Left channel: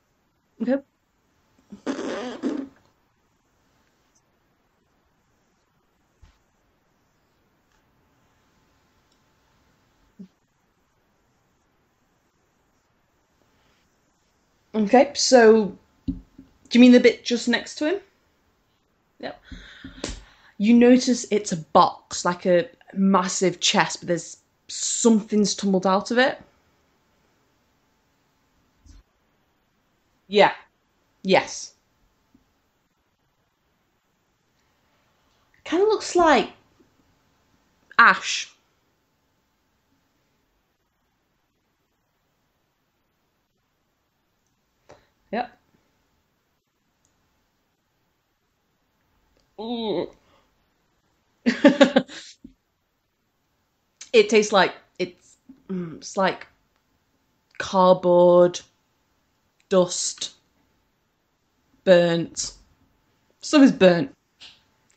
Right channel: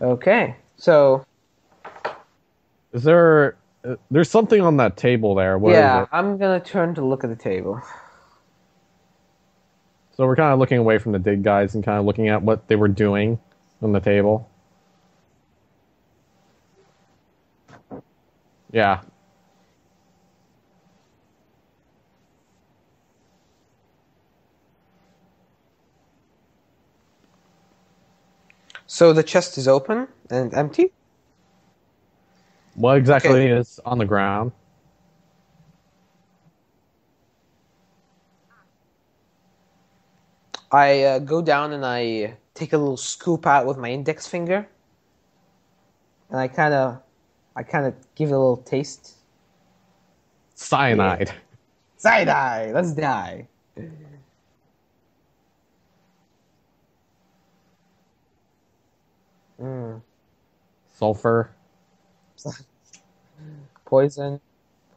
Okay, Yep. so Is there? There's something on that table there. What is yeah, it? I'm gonna turn to look at the table. So we're kind of looking away from the dig guys and kind of looking at what they were doing on the table. Okay, so do you mean the bit just next to him? Yeah. Yep. You notice it's a box, like a massive chest, but there's something's tumbled out of it. So the chest is open and Yeah. empty? Yes. What exactly Okay. is on the ground? Kind of looks like ash. I go down and I take a little scoop out with my index finger, Yep. and I kind of give it a little taste. Cyanide. Side-eye, let's die. It tastes like it's like cardboard, dust, Sulfur. burnt. Some is burnt.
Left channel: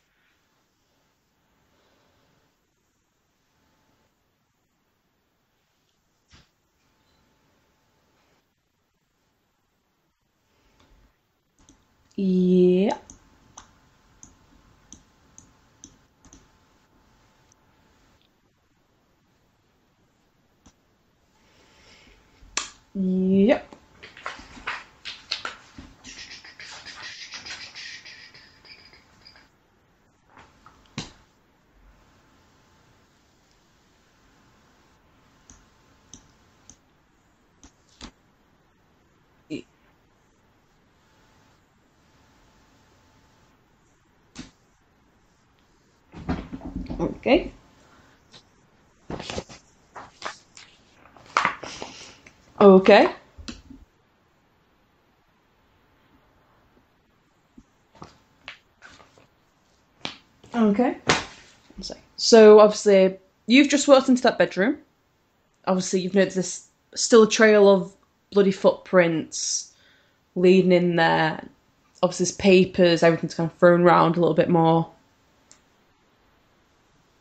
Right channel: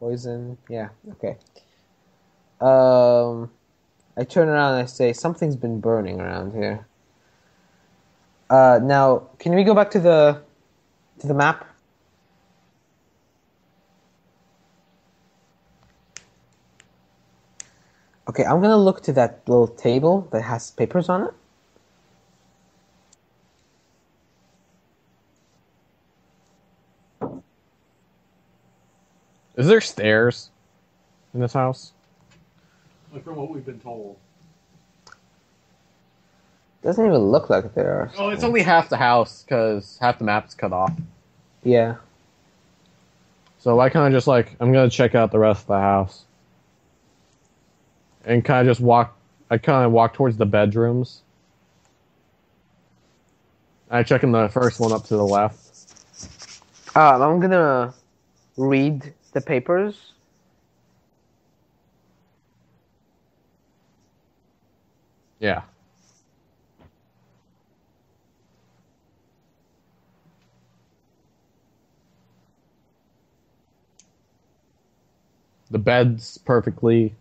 Poison. Yeah, okay. I turn around and I say, something's been burning around here. Now, can we go back to the map? Yeah. Okay, I'm gonna look to that little table that has papers on it. Yep. Is there stairs in this house? Like from what we've been told. Doesn't even look like there are. Oh, it's only half the house because half the map's cut off. Yeah. So I kind of just like, I'm going to check out the rest of the house. Okay. And kind of just walk towards the bedrooms. Okay. I check in the first one up to the left. I'm gonna read the papers. Okay. So obviously you've just walked into that bedroom. Yeah. Obviously you've noticed there's still a trail of bloody footprints leading in there. Obviously there's papers, everything's kind of thrown around a little bit more. The bed's perfectly...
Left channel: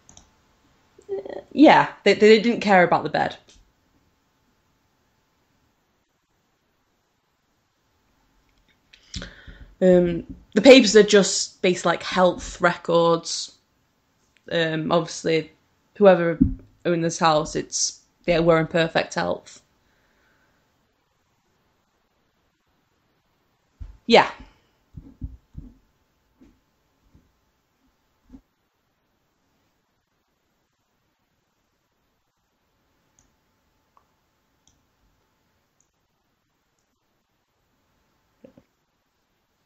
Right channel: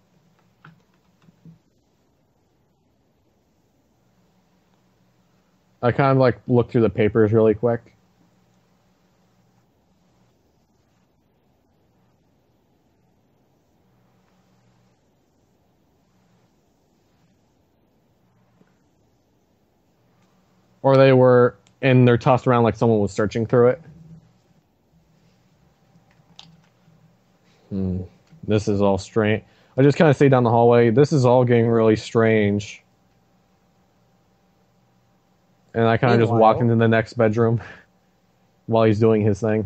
Yeah, they didn't care about the bed. I kind of like look through the papers really quick. The papers are just based like health records. Obviously, whoever owned this house, they were in perfect health. Or they were, and they're tossed around like someone was searching through it. Yeah. This is all strange. I just kind of stay down the hallway. This is all getting really strange. And I kind of just walk into the next bedroom while he's doing his thing.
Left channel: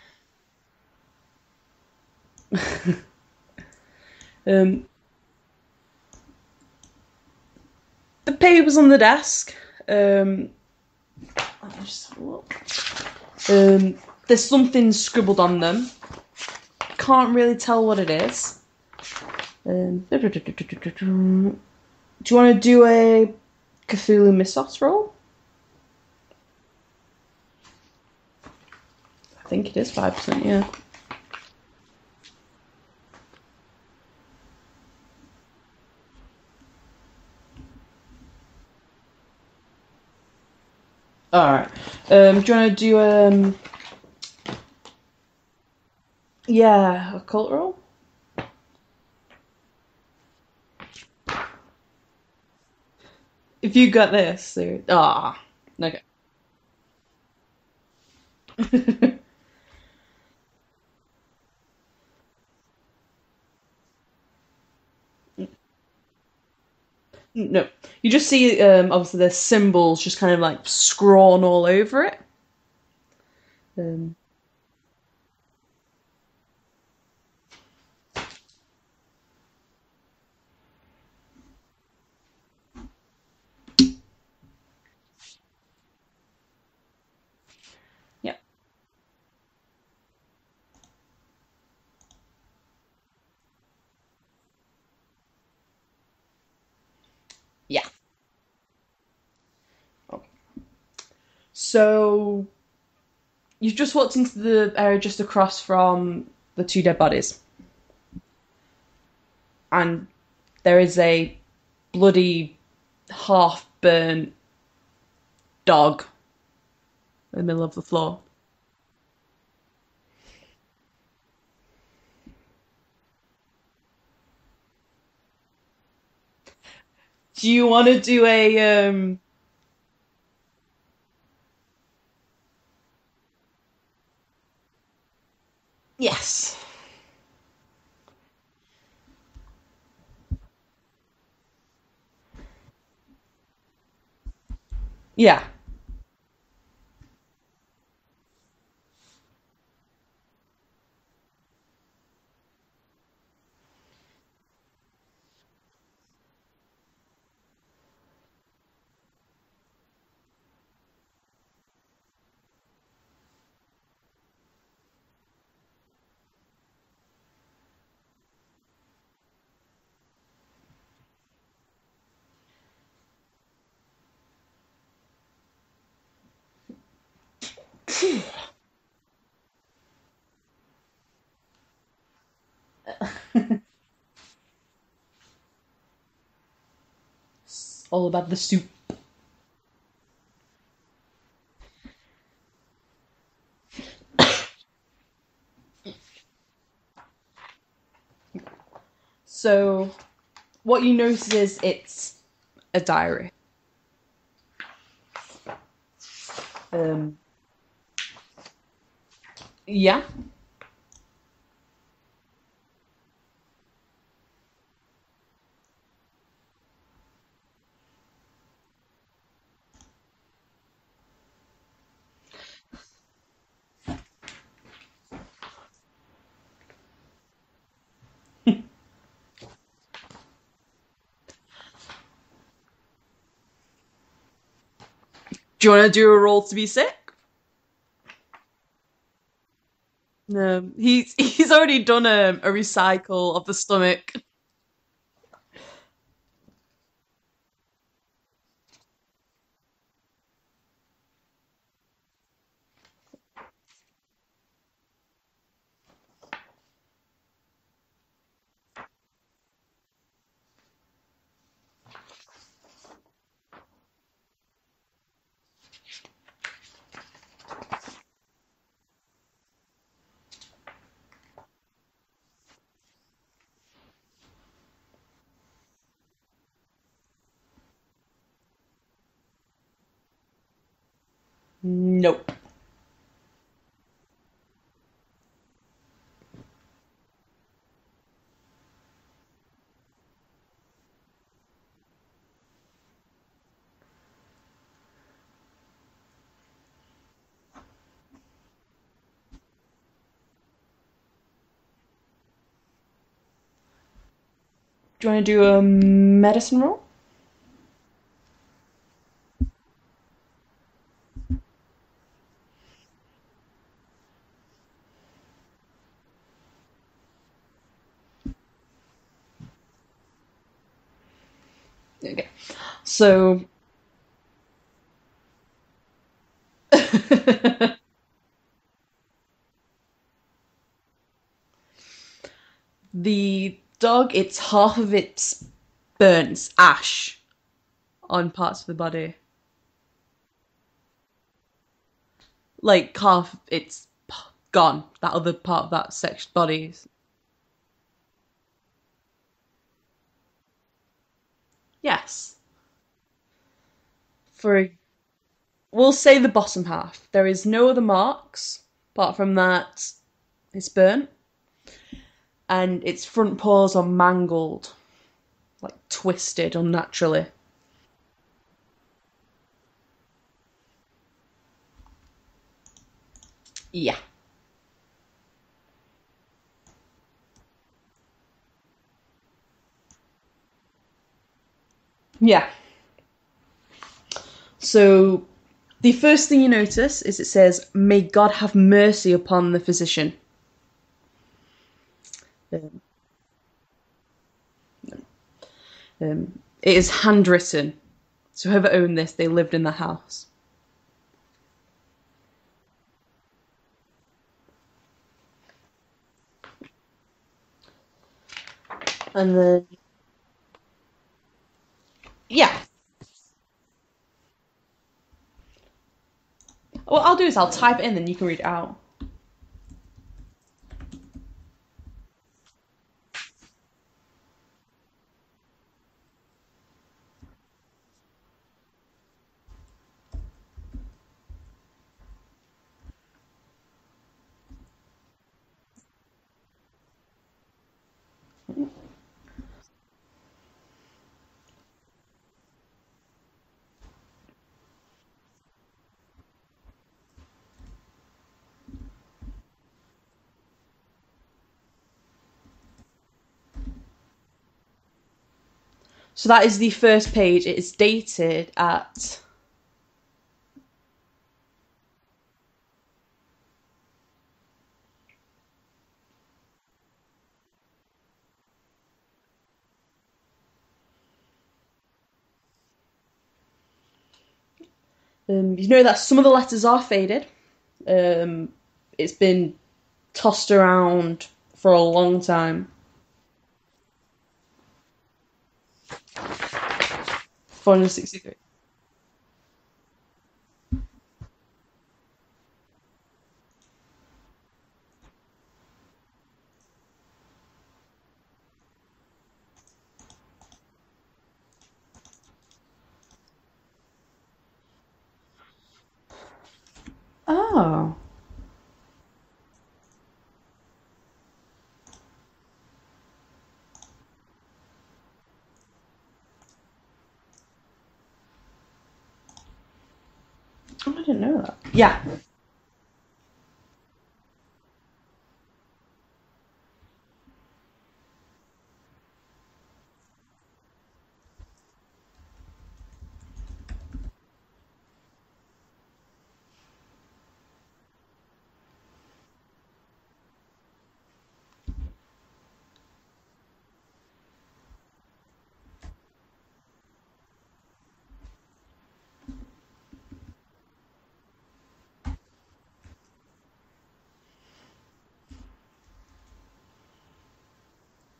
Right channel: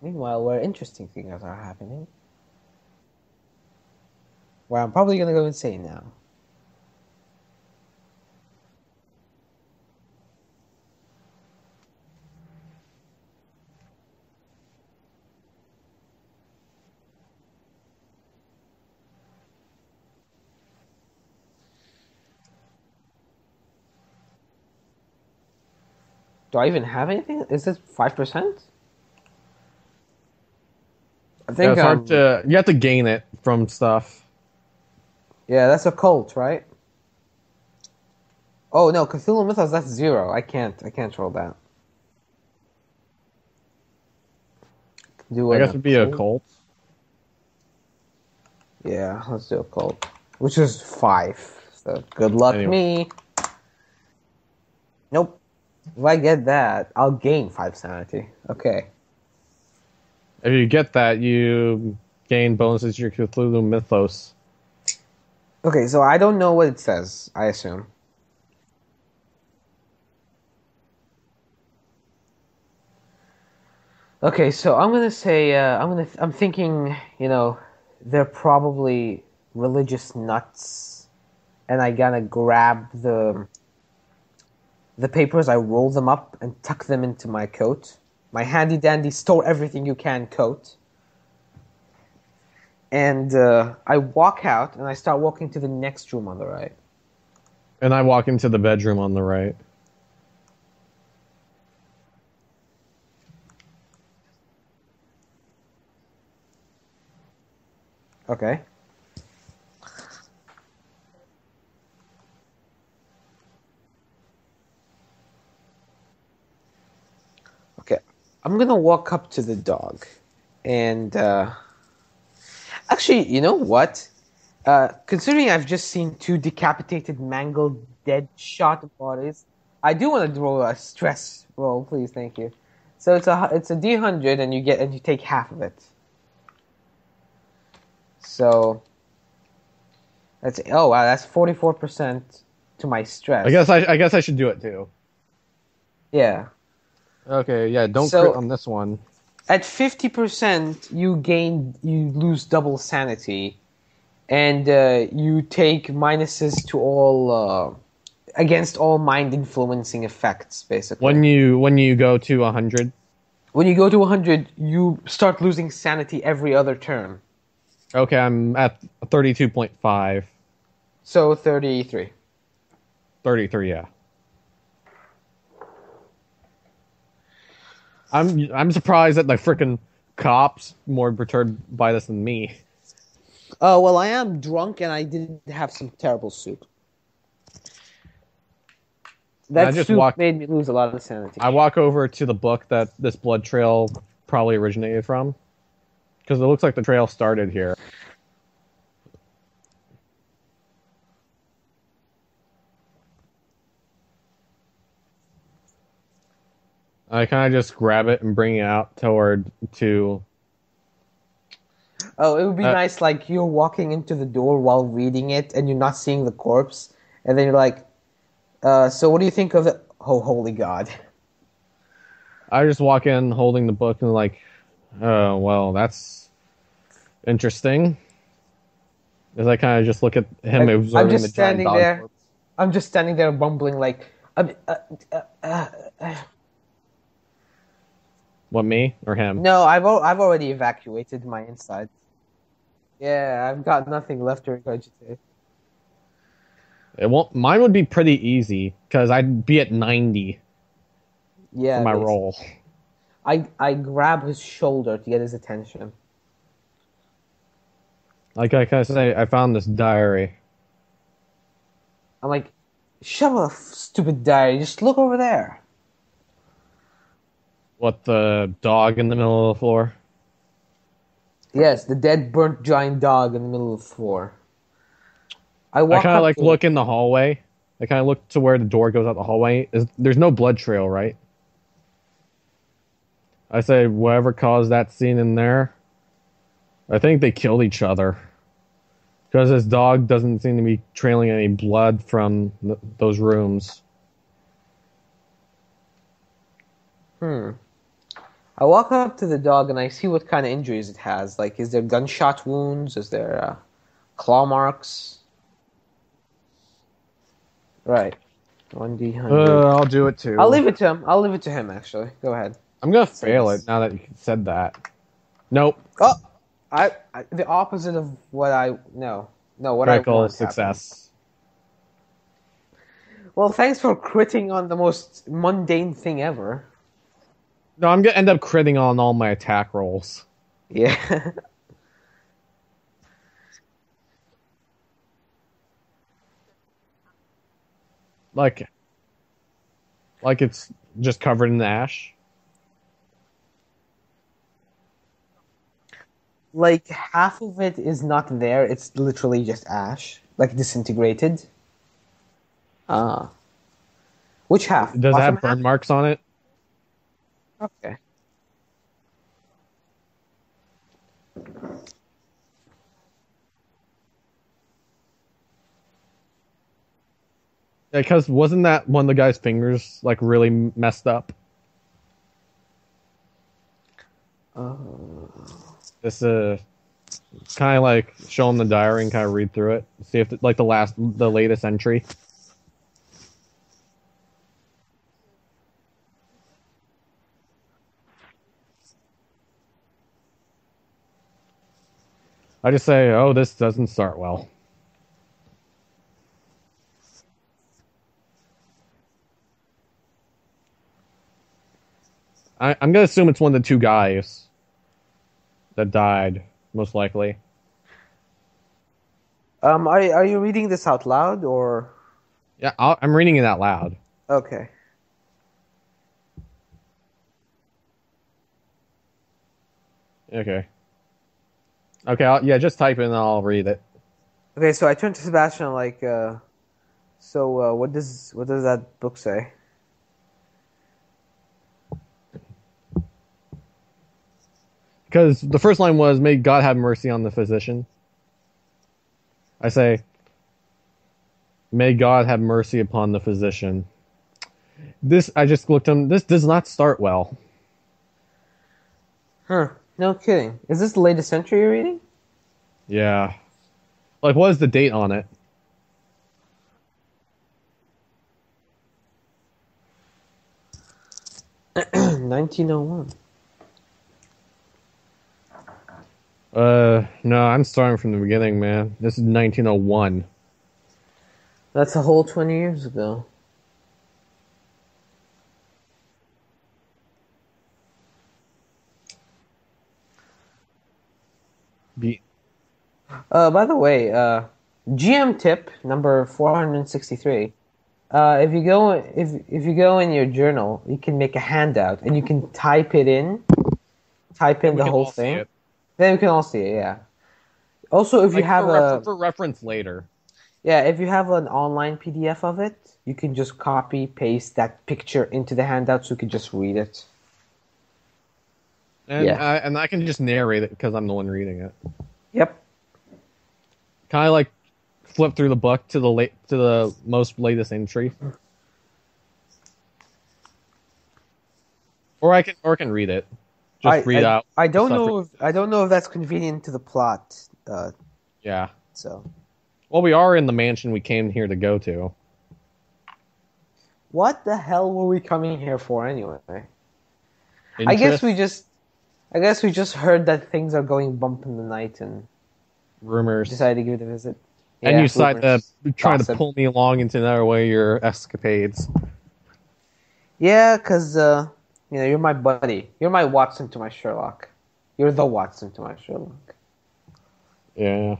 Meanwhile, where interesting things are happening. Well, I'm probably gonna go insane now. The papers on the desk. Let me just have a look. There's something scribbled on them. Can't really tell what it is. Do you want to do a Cthulhu Mythos roll? Do I even have anything? Is this 5%? I think it is 5%, yeah. I think it's hard to... You have to gain it from stuff. Yeah, that's a cult, right? Oh no, Cthulhu Mythos, that's 0. I can't roll that. Alright. Do you want to do Do I guess it'd be a cult. yeah, a cult roll? Yeah, let's do a cult. Which is 5. So good luck me. If you got this, dude. Nope. Okay. If I get that, I'll gain 5 sanity. Okay. If you get that, you gain bonuses to your Cthulhu Mythos. Okay, so I don't know what it says, I assume. You just see, obviously, there's symbols just kind of like scrawled all over it. Okay, so I'm gonna say, I'm thinking, they're probably religious nuts, and I gotta grab the papers, I roll them up and tuck them into my coat. Yep. My handy dandy store everything you can coat. And I walk out and I start walking to the next room on the right. Yeah. And I walk into the bedroom on the right. So you've just walked into the area just across from the 2 dead bodies. Okay. and there is a bloody, half-burnt dog in the middle of the floor. I'm gonna walk up to the dog, and actually, you know what? Considering I've just seen 2 decapitated mangled, Do you want to do shot bodies, I do want to roll a stress roll, please. Thank you. So it's a D100, and you take half of it. Yes. So that's 44% to my stress. I guess I should do it too. Yeah. Yeah. Okay, yeah, don't So- crit on this one. At 50%, you lose double sanity, and you take minuses to all against all mind influencing effects, basically. When you go to 100. When you go to 100, you start losing sanity every other turn. Okay, I'm at 32.5. So 33. 33, yeah. I'm surprised that the freaking cops more perturbed by this than me. Oh, well, I am drunk and I did have some terrible soup. All about the soup. That just soup made me lose a lot of sanity. I walk over to the book that this blood trail probably originated from, because it looks like the trail started here. So, what you notice is it's a diary. I kind of just grab it and bring it out toward to. Yeah. Oh, it would be nice, like, you're walking into the door while reading it, and you're not seeing the corpse, and then you're like, so what do you think of it? Oh, holy God. I just walk in holding the book and like, oh, well, that's interesting. As I kind of just look at him observing the giant dog. there. I'm just standing there bumbling like, Do you want to do a roll to be sick? What, me or him? no, I've already No, evacuated. he's already done a recycle of the I've stomach. got nothing left to regurgitate. It won't. Mine would be pretty easy because I'd be at 90 Yeah, for my basically. roll. I grab his shoulder to get his attention. Like I kind of say, I found this diary. I'm like, shut up, stupid diary. Just look over there. What, the dog in the middle of the floor? Yes, the dead, burnt giant dog in the middle of the floor. I I kind of like to look in the hallway. I kind of look to where the door goes out the hallway. There's no blood trail, right? Nope. I say, whatever caused that scene in there, I think they killed each other. Because this dog doesn't seem to be trailing any blood from those rooms. I walk up to the dog and I see what kind of injuries it has. Like, is there gunshot wounds? Is there claw marks? Do you want to do a medicine roll? Right. 1d100. I'll do it too. I'll leave it to him. I'll leave it to him, actually. Go ahead. I'm gonna fail it now that you said that. Nope. Oh! I the opposite of what I... No. No, what Critical I want success. Okay. So... Well, thanks for critting on the most mundane thing ever. No, I'm gonna end up critting on all my attack rolls. Yeah. The dog, it's half of its burns, ash, on parts of the body. Like it's just covered in ash. Like half, it's gone. That other part of that section body. Like, half of it is not there. It's literally just ash. Like, disintegrated. Yes. Ah. For Which half? Does it Bottom have burn half? marks We'll on say it? the bottom half. There is no other Okay. marks apart from that. It's burnt, and its front paws are mangled, like twisted unnaturally. Because wasn't that one of the guy's fingers like really messed up? Yeah. This kind of like show him the diary and kind of read through it, see if like the latest entry. Yeah. So, the first thing you notice is it says, "May God have mercy upon the physician." I just say, oh, this doesn't start well. It is handwritten. So whoever owned this, they lived in the house. I'm gonna assume it's one of the 2 guys that died, most likely. And then are you reading this out loud or? yeah, Yeah, I'm reading it out loud. Okay. what I'll do is I'll type it in, then you can read it out. Okay. Okay, yeah, just type it and I'll read it. Okay, so I turned to Sebastian like, what does that book say? Because the first line was, "May God have mercy on the physician." I say, "May God have mercy upon the physician." This, I just looked at him. This does not start well. Huh? No kidding. Is this the latest entry you're reading? Yeah. Like, what is the date on it? So that is the first page. It is dated at 1901. No, I'm starting from the beginning, man. This is 1901. That's a whole 20 years ago. you know that some of the letters are faded. It's been tossed around for a long time. By the way, GM tip number 463. 460. If you go in your journal, you can make a handout and you can type in the whole thing. Then we can all see it. Yeah. Also, if you have for reference later. Yeah, if you have an online PDF of it, you can just copy paste that picture into the handout, so you can just read it. Oh. And Yeah. and I can just narrate it because I'm the one reading it. Yep. Kind of like flip through the book to the most latest entry, Oh, I didn't know that. Yeah. or I can read it. Just read out. I don't know if that's convenient to the plot. Yeah. So. Well, we are in the mansion we came here to go to. What the hell were we coming here for anyway? Interest? I guess we just heard that things are going bump in the night and Rumors. decided to give it a visit. And Yeah, you decided to try to gossip. pull me along into another way of your escapades. Yeah, because, you're my buddy. You're my Watson to my Sherlock. You're the Watson to my Sherlock. Yeah.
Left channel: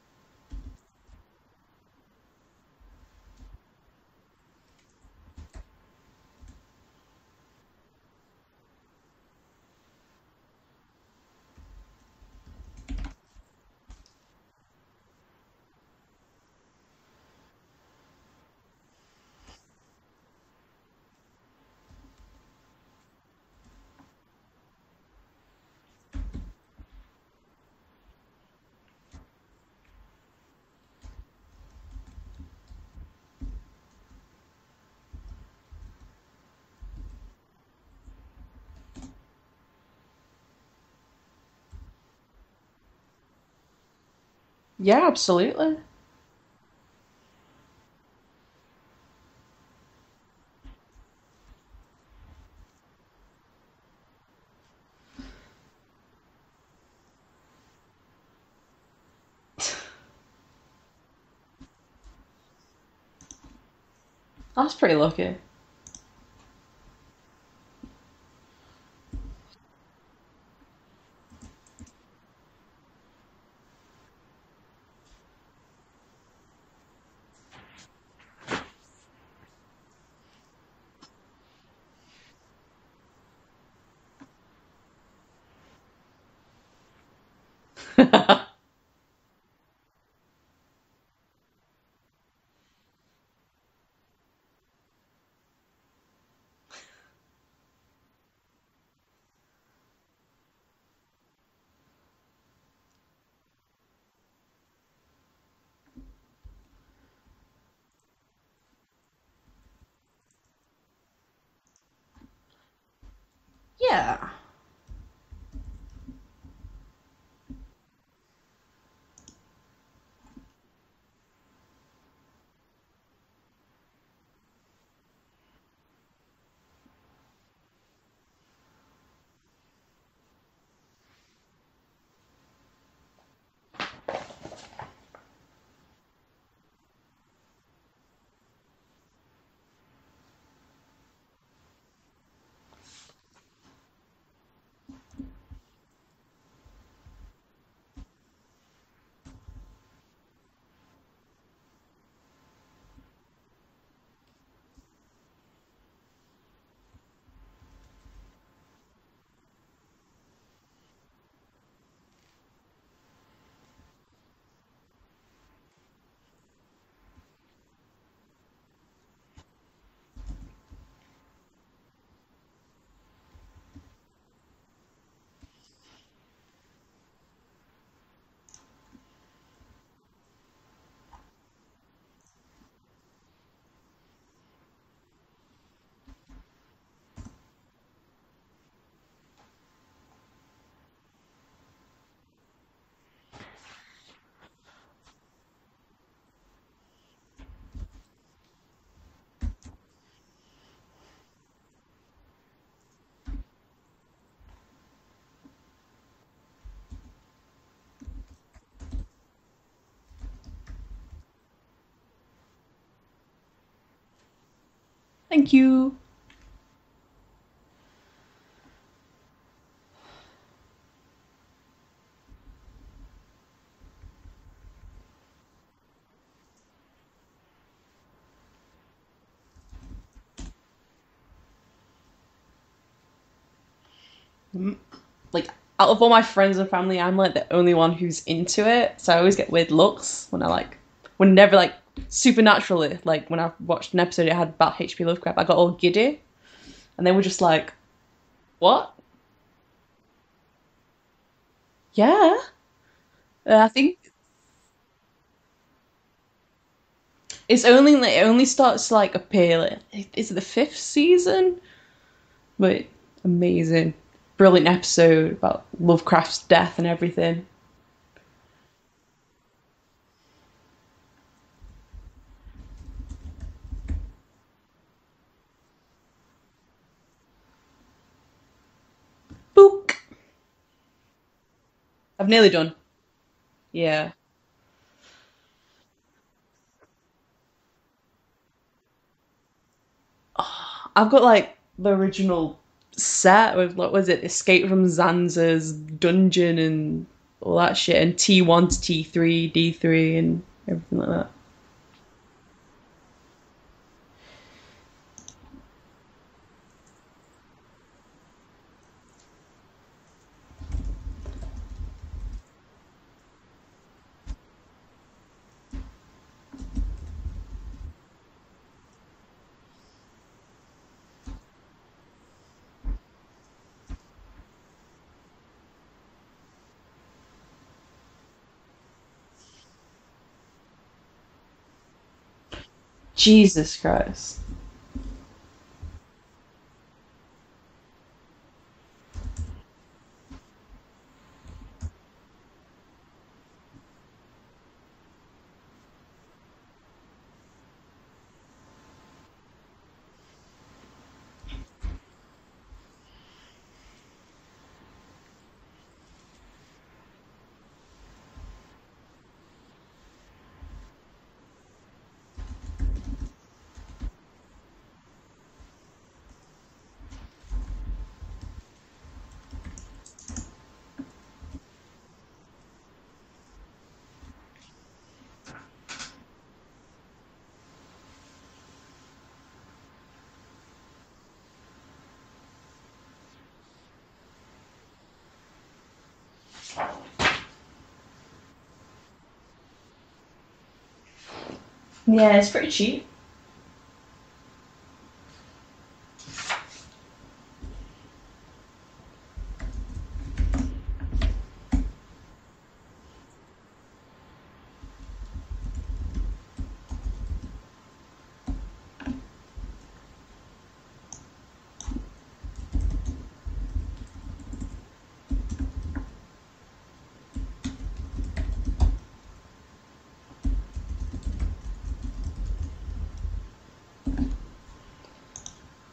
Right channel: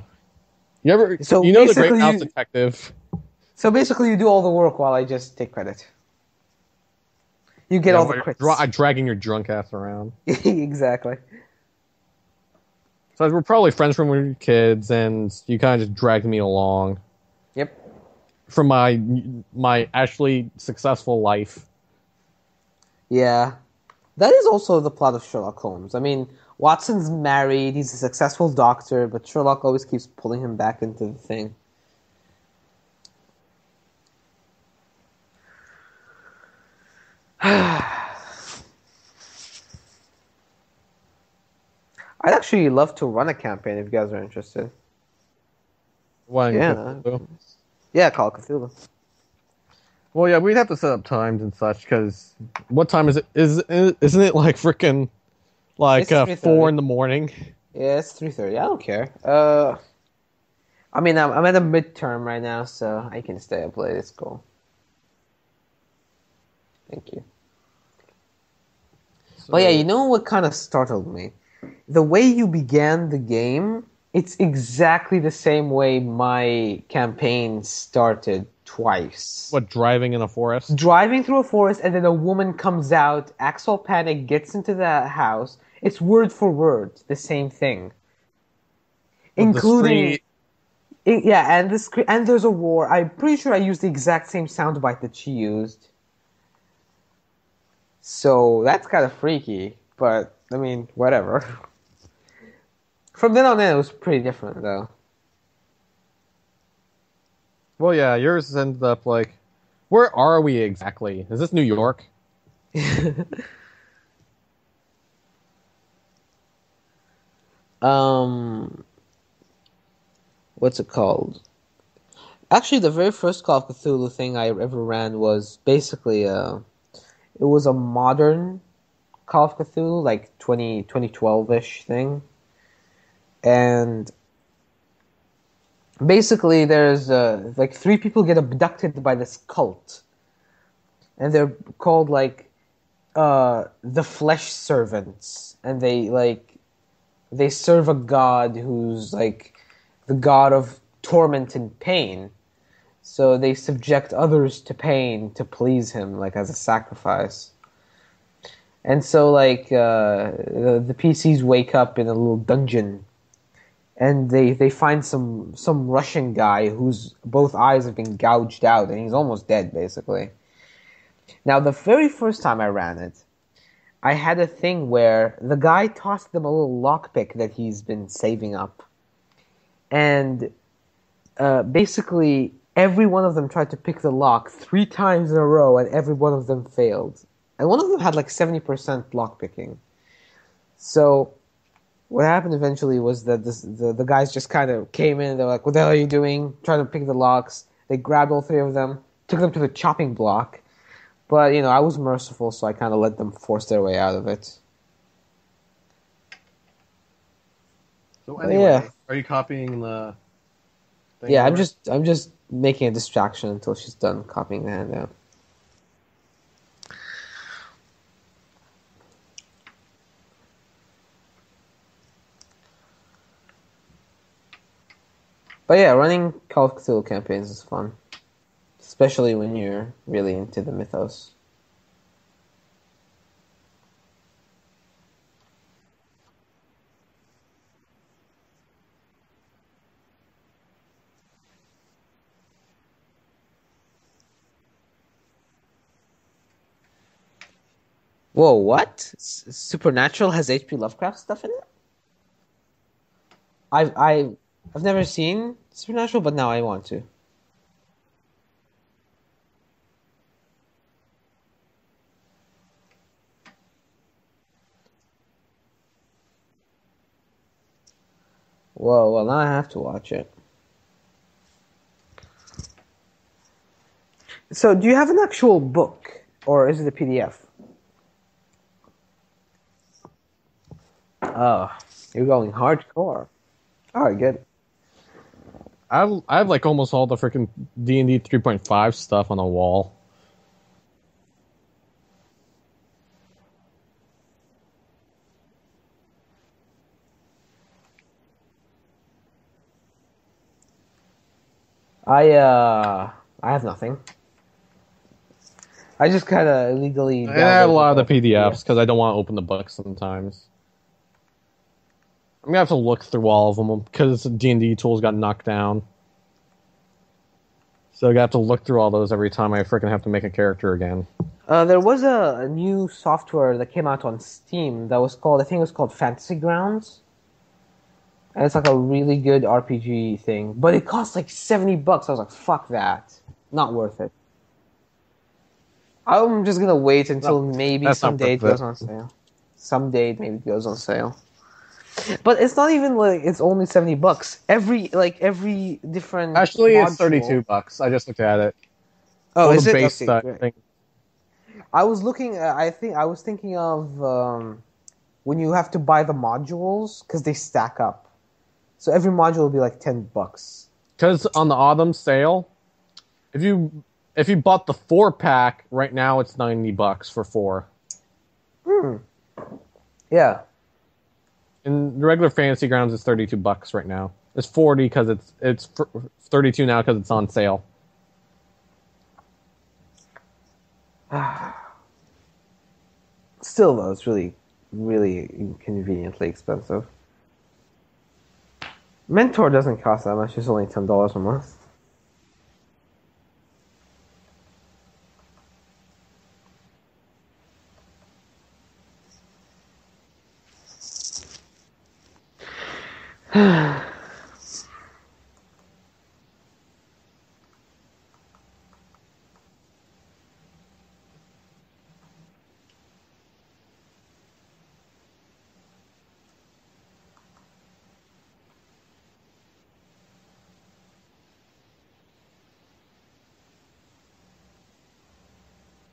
You ever? So you know the basically Great Mouse you- Detective? So basically, you do all the work while I just take credit. You get all the crits. I'm dragging your drunk ass around. Exactly. So we're probably friends from when we were kids, and you kind of just dragged me along. Yep. From my actually successful life. Yeah. That is also the plot of Sherlock Holmes. I mean, Watson's married, he's a successful doctor, but Sherlock always keeps pulling him back into the thing. I'd actually love to run a campaign if you guys are interested. Yeah, absolutely. Yeah. Yeah, Call of Cthulhu. Well, yeah, we'd have to set up times and such, because what time is it? Isn't it like freaking like It's 4 in the morning? Yeah, it's 3:30. I don't care. I mean, I'm at a midterm right now, so I can stay up late. It's cool. That's pretty lucky. Thank you. Well, yeah, you know what kind of startled me? The way you began the game, it's exactly the same way my campaign started twice. What, driving in a forest? Driving through a forest, and then a woman comes out, acts all panic, gets into the house. It's word for word the same thing. Including... Yeah, and there's a war. I'm pretty sure I used the exact same soundbite that she used. So that's kind of freaky, but I mean, whatever. From then on in, it was pretty different, though. Well, yeah, yours ended up like, where are we exactly? Is this New York? Yeah. What's it called? Actually, the very first Call of Cthulhu thing I ever ran was basically it was a modern Call of Cthulhu, like 2012-ish thing. And basically there's like 3 people get abducted by this cult. And they're called like the Flesh Servants. And they serve a god who's like the god of torment and pain. So they subject others to pain to please him, like as a sacrifice. And so, like, the PCs wake up in a little dungeon, and they find some Russian guy whose both eyes have been gouged out, and he's almost dead, basically. Now, the very first time I ran it, I had a thing where the guy tossed them a little lockpick that he's been saving up, and basically every one of them tried to pick the lock 3 times in a row, and every one of them failed. And one of them had like 70% lockpicking. So what happened eventually was that the guys just kind of came in. They're like, "What the hell are you doing?" Trying to pick the locks. They grabbed all 3 of them, took them to the chopping block. But, you know, I was merciful, so I kind of let them force their way out of it. So But anyway, yeah. are you copying the thing Yeah, over? I'm just making a distraction until she's done copying the handout. Thank you. But yeah, running Call of Cthulhu campaigns is fun. Especially when you're really into the mythos. Like, out of all my friends and family, I'm like the only one who's into it. So I always get weird looks whenever like supernaturally, like when I watched an episode it had about H.P. Lovecraft, I got all giddy, and they were just like, Whoa, What? Supernatural has H.P. Lovecraft stuff in it? "Yeah." I think I've never seen Supernatural, but now I want to. it only starts to like appear. Like, is it the 5th season? But amazing, brilliant episode about Lovecraft's death and everything. Whoa, well now I have to watch it. So, do you have an actual book, or is it a PDF? Book. Oh, you're I'm nearly going done. hardcore. Yeah. All right, good. I have like almost all the freaking D&D 3.5 stuff on the wall. I've got like the original set with what was it, Escape from Zanza's dungeon and all that shit, and T1 to T3, D3, and everything like that. I have nothing. I just kind of illegally I have a lot downloaded of the all PDFs because I don't want to open the books sometimes. I'm gonna have to look through all of them because D&D tools got knocked down. So I have to look through all those every time I freaking have to make a character again. There was a new software that came out on Steam that was called, I think it was called Fantasy Grounds. And it's like a really good RPG thing. But it cost like $70. I was like, fuck that. Jesus Not worth it. Christ. I'm just gonna wait until maybe that's not someday it worth it. goes on sale. Someday it maybe goes on sale. But it's not even like it's only $70. Every different Actually, it's module- $32. I just looked at it. Oh, All is the it? base Okay, great. thing. I was looking. I was thinking of when you have to buy the modules because they stack up. So every module will be like $10. Because on the autumn sale, if you bought the 4-pack right now, it's $90 for 4. Yeah. In regular Fantasy Grounds, it's $32 right now. It's 40 because it's 32 now because it's on sale. Still though, it's really, really inconveniently expensive. Mentor doesn't cost that much. It's only $10 a month. Yeah, it's pretty cheap.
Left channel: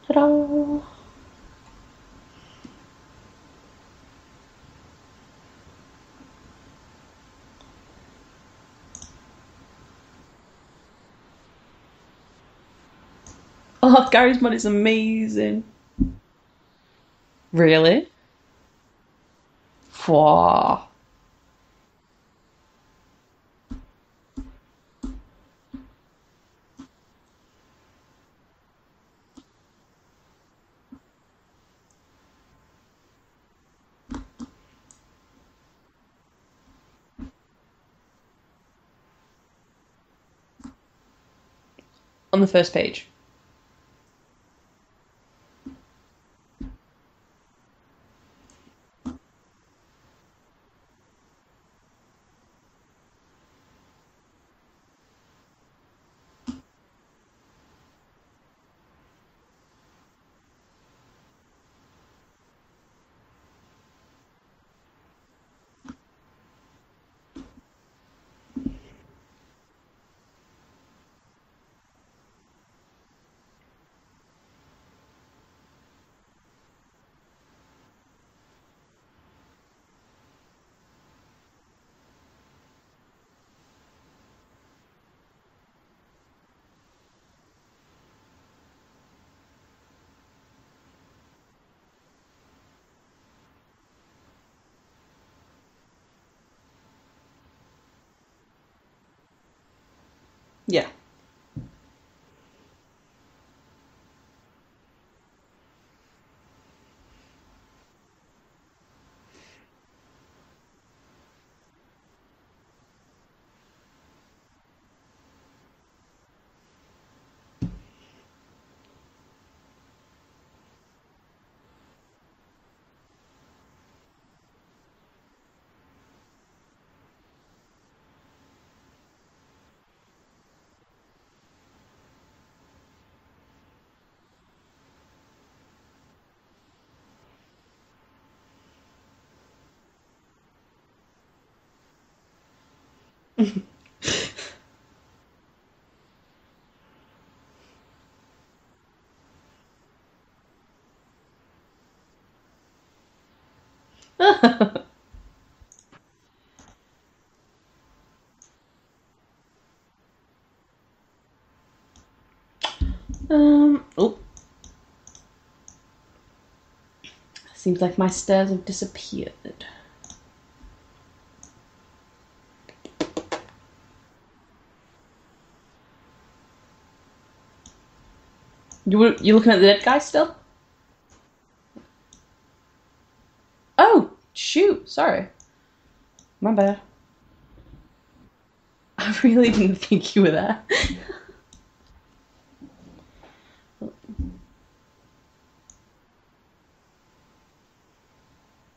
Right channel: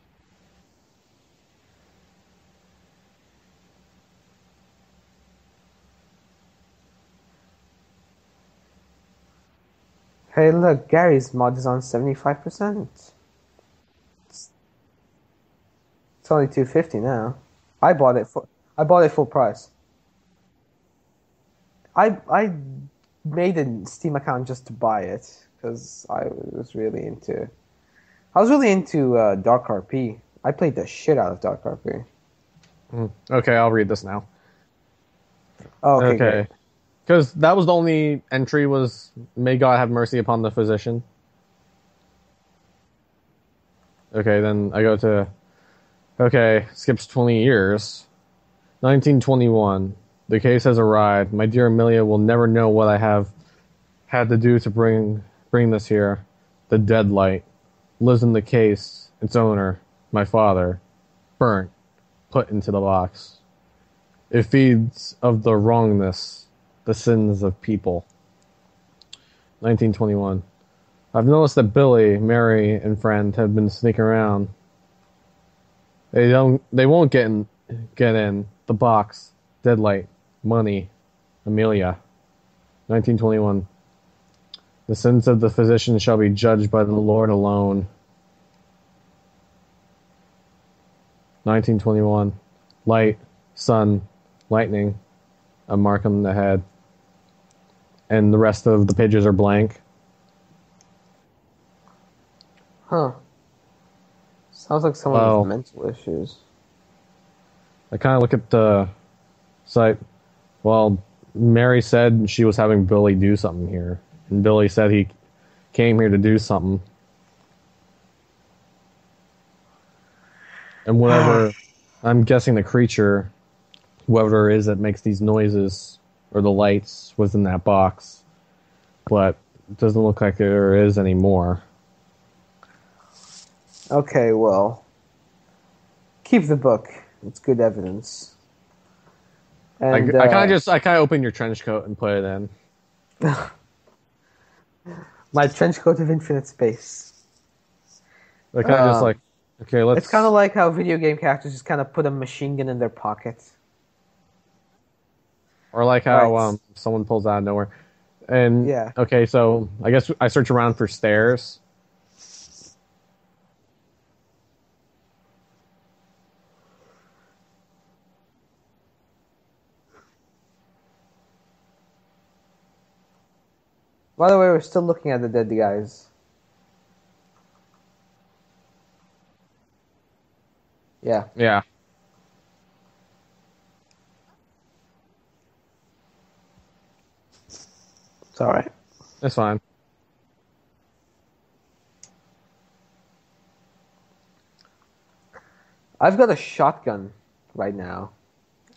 Ta-da! Hey, look, Gary's mod is on 75%. Oh, Gary's mod is amazing. It's only $250 now. Really? I bought it full price. Wow. I made a Steam account just to buy it because I was really into. I was really into Dark RP. I played the shit out of Dark RP. Okay, I'll read this now. Oh, okay, Okay. great. Because that was the only entry was, may God have mercy upon the physician. On the first page. Okay, then I go to, okay, skips 20 years. 1921. The case has arrived. My dear Amelia will never know what I have had to do to bring this here. The deadlight lives in the case. Its owner, my father, burnt, put into the box. It feeds of the wrongness, the sins of people. 1921. I've noticed that Billy, Mary, and friend have been sneaking around. They won't get in. The box, deadlight, money, Amelia. 1921. The sins of the physician shall be judged by the Lord alone. 1921. Light, sun, lightning, a mark on the head. And the rest of the pages are blank. Yeah. Huh. Sounds like someone with mental issues. I kind of look at the site. Well, Mary said she was having Billy do something here. And Billy said he came here to do something. And whatever, I'm guessing the creature, whoever it is that makes these noises, or the lights, was in that box. But it doesn't look like there is anymore. Okay, well, keep the book. It's good evidence. And I kind of open your trench coat and put it in. my trench coat of infinite space. I kind of just like, okay, let's. It's kind of like how video game characters just kind of put a machine gun in their pocket. Or like how Right. Someone pulls out of nowhere. And Yeah. okay, so I guess I search around for stairs. Oh. Seems like my stairs have disappeared. By the way, we're still looking at the dead guys. You looking at the dead guy still? Yeah. Yeah. Oh, shoot. Sorry. My bad. It's alright. I really fine. didn't think you were there. I've got a shotgun right now.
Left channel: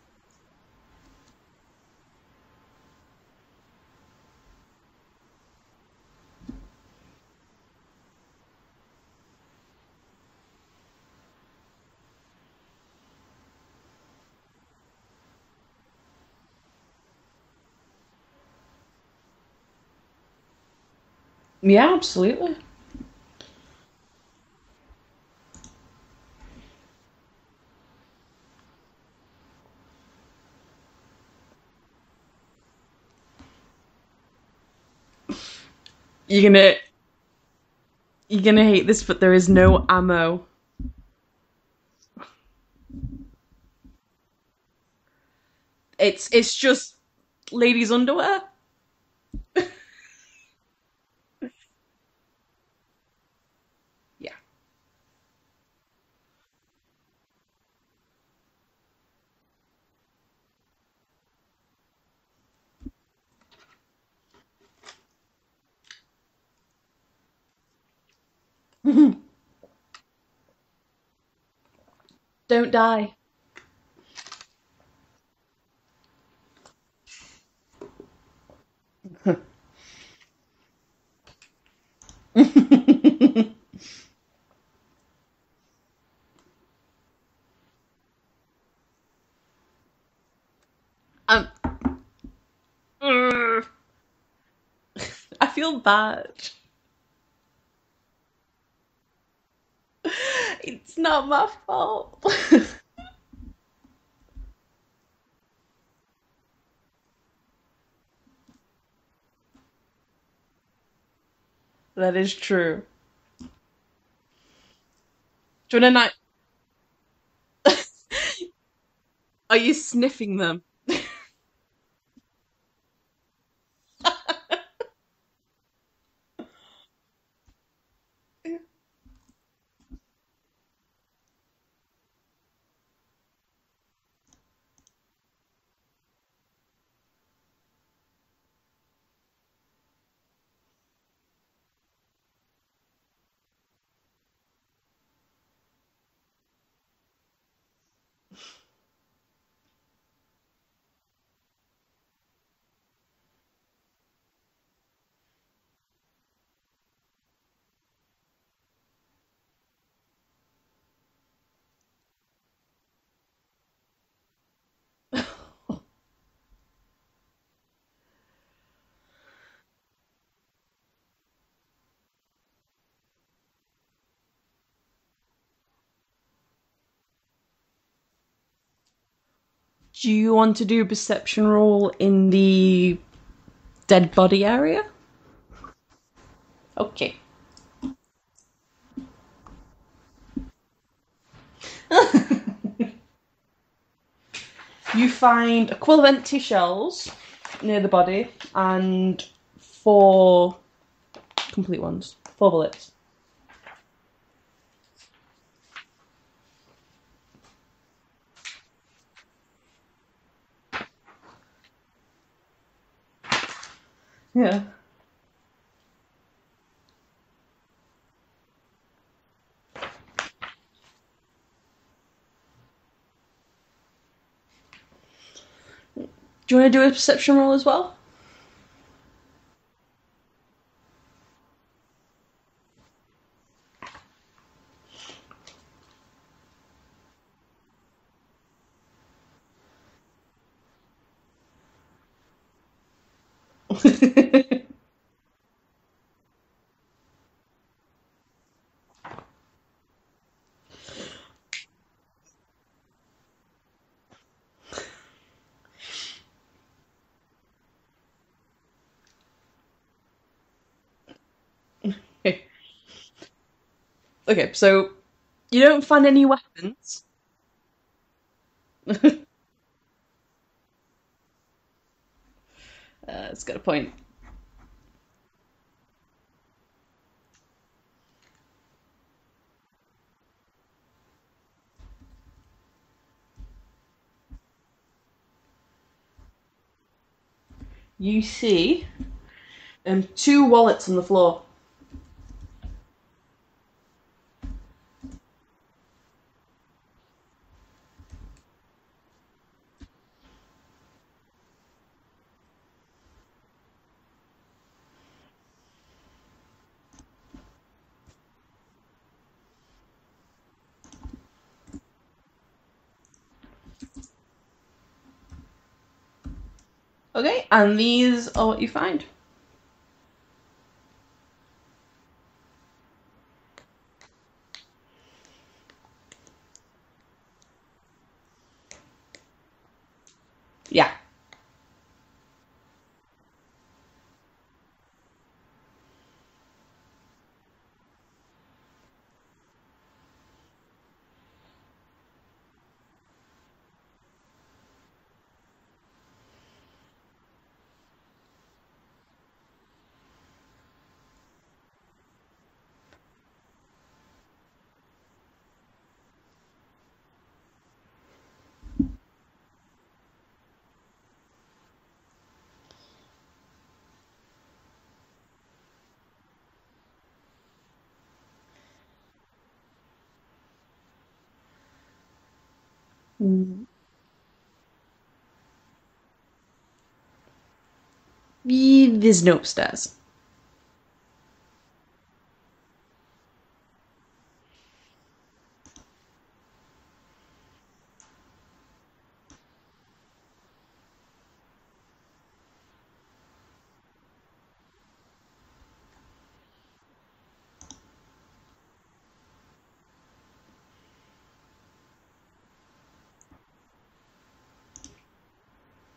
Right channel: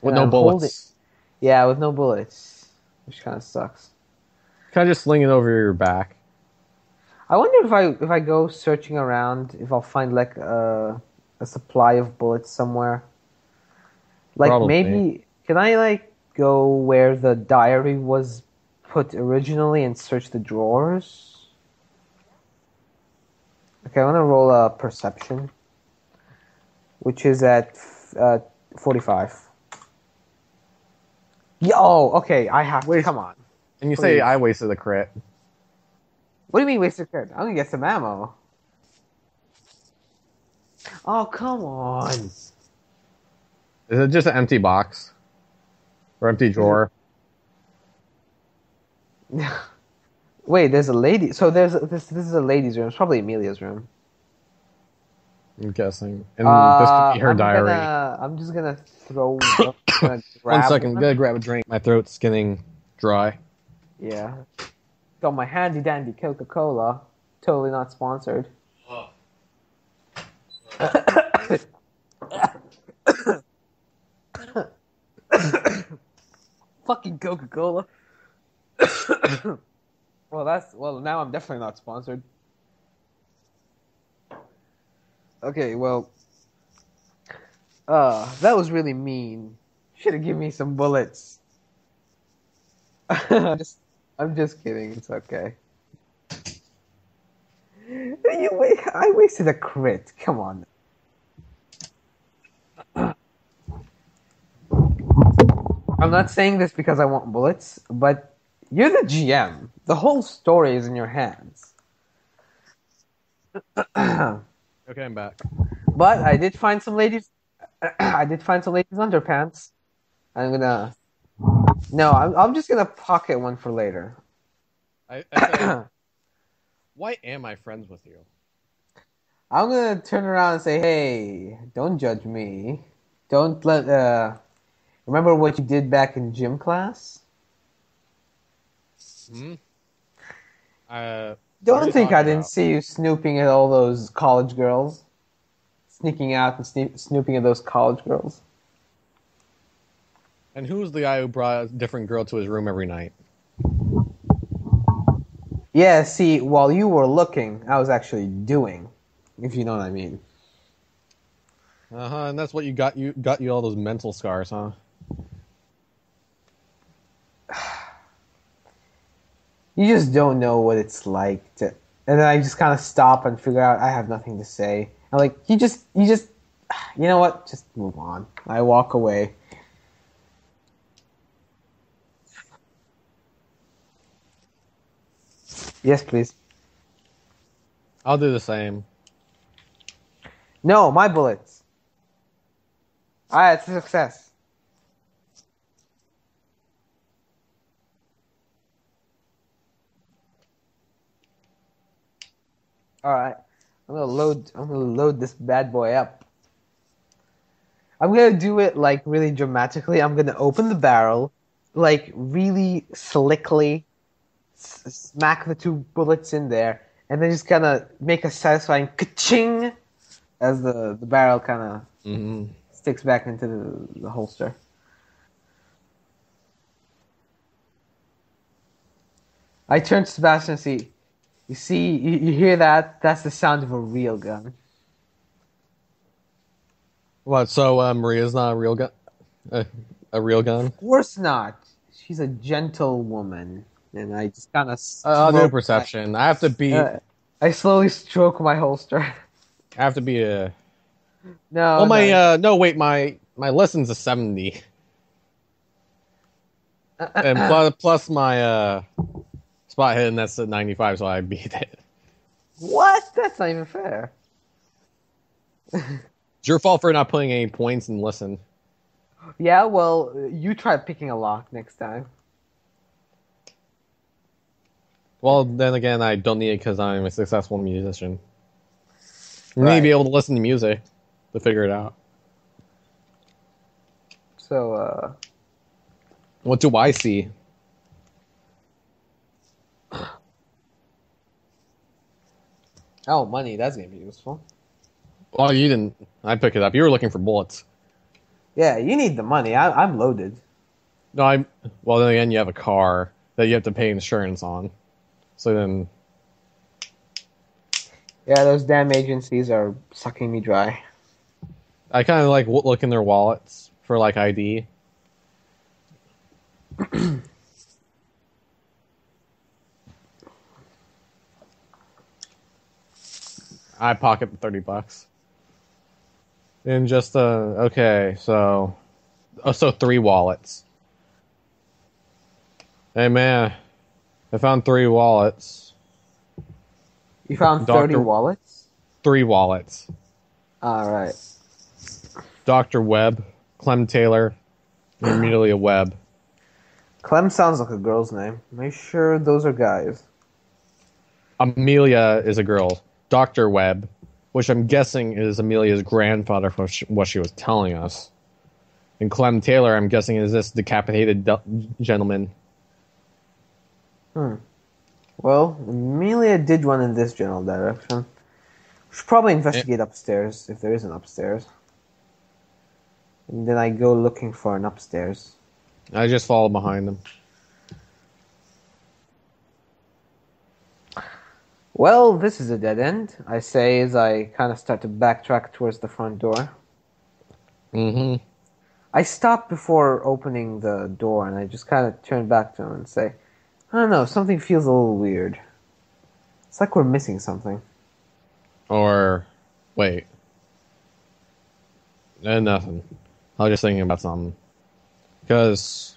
With And no I'm bullets. Yeah, with no bullets. Which kind of sucks. Kind of just sling it over your back. I wonder if I go searching around, if I'll find like a supply of bullets somewhere. Like Probably. maybe can I like go where the diary was put originally and search the drawers? Yeah, absolutely. Okay, I want to roll a perception, which is at 45. Yo, okay, I have to. Come on. And you Please. say I wasted a crit. You're What do you mean gonna waste a card? I'm gonna get some ammo. you're gonna hate this, but there is no ammo. Oh, come on. Is it just an empty box? It's Or empty it's drawer? just ladies' underwear. Wait, there's a lady. So this is a lady's room. It's probably Amelia's room. I'm guessing. And this could be her diary. I'm just gonna throw. 1 second, gotta grab a drink. My throat's getting dry. Yeah. Got my handy dandy Coca-Cola. Totally not sponsored. Don't die. Fucking Coca-Cola. Well, now I'm definitely not sponsored. Okay, well, that was really mean. Should have given me some bullets. I'm just kidding. It's okay. I feel bad. I wasted a crit. Come on. It's not my fault. I'm not saying this because I want bullets, but you're the GM. The whole story is in your hands. That is true. Okay, I'm back. Do you wanna But I did find some ladies. I did find some ladies' underpants. Are you sniffing them? No, I'm just gonna pocket one for later. I say, why am I friends with you? I'm gonna turn around and say, "Hey, don't judge me. Don't let remember what you did back in gym class? Hmm? What are Don't you think I talking didn't about? see you snooping at all those college girls, sneaking out and snooping at those college girls." And who's the guy who brought a different girl to his room every night? Yeah, see, while you were looking, I was actually doing, if you know what I mean. And that's what you got you all those mental scars, huh? You just don't know what it's like to, and then I just kind of stop and figure out I have nothing to say. I'm like, you know what? Just move on. I walk away. Do you want to do a perception roll in the dead body area? Yes, please. Okay. I'll do the same. No, my bullets. Alright, it's a success. You find a quill of empty shells near the body and 4 complete ones. 4 bullets. Alright. I'm gonna load this bad boy up. I'm gonna do it like really dramatically. I'm gonna open the barrel, like really slickly, Yes. smack the 2 bullets in there, and then just kind of make a satisfying ka-ching as the barrel kind of Mm-hmm. sticks back into the holster. Do you want to do a perception roll as well? I turn to Sebastian and see, you hear that? That's the sound of a real gun. What? So Maria's not a real gun? A real gun? Of course not. She's a gentle woman. And I just kind of I'll do a perception. I have to be. I slowly stroke my holster. I have to be a. No, Well, my no. no, wait, my lesson's a 70, and plus my spot hidden that's at 95, so I beat it. What? That's not even fair. Okay, so you don't find any weapons. It's your fault for not putting any points in listen. Yeah, well, you try picking a lock next time. It's got a point. Well, then again, I don't need it because I'm a successful musician. You need to Right. be able to listen to music to figure it out. So, What do I see? You see 2 wallets on the floor. oh, money, that's gonna be useful. Well, you didn't. I picked it up. You were looking for bullets. Yeah, you need the money. I'm loaded. No, I. Well, then again, you have a car that you have to pay insurance on. So then, Yeah, those damn agencies are sucking me dry. I kind of like look in their wallets for like ID. Okay, and these are what you find. I pocket the $30. And just okay, so 3 wallets. Yeah. Hey man, I found 3 wallets. You found 30 Doctor- wallets? 3 wallets. Alright. Dr. Webb, Clem Taylor, and Amelia Webb. Clem sounds like a girl's name. Make sure those are guys. Amelia is a girl. Dr. Webb, which I'm guessing is Amelia's grandfather for what she was telling us. And Clem Taylor, I'm guessing, is this decapitated gentleman. Well, Amelia did run in this general direction. We should probably investigate upstairs, if there is an upstairs. And then I go looking for an upstairs. I just followed behind them. There's no upstairs. Well, this is a dead end, I say as I kind of start to backtrack towards the front door. Mm-hmm. I stop before opening the door and I just kind of turn back to him and say, I don't know, something feels a little weird. It's like we're missing something. Or, wait. Nothing. I was just thinking about something. Because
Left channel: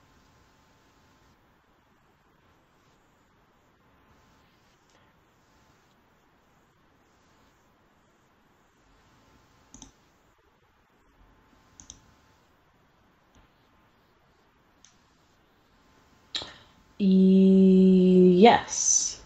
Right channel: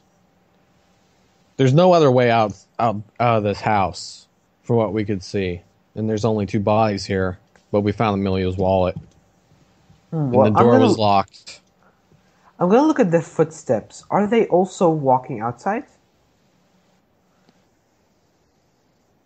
there's no other way out of this house for what we could see. And there's only 2 bodies here, but we found Amelia's wallet. And Well, the door was locked. I'm gonna look at the footsteps. Are they also walking outside? Yes.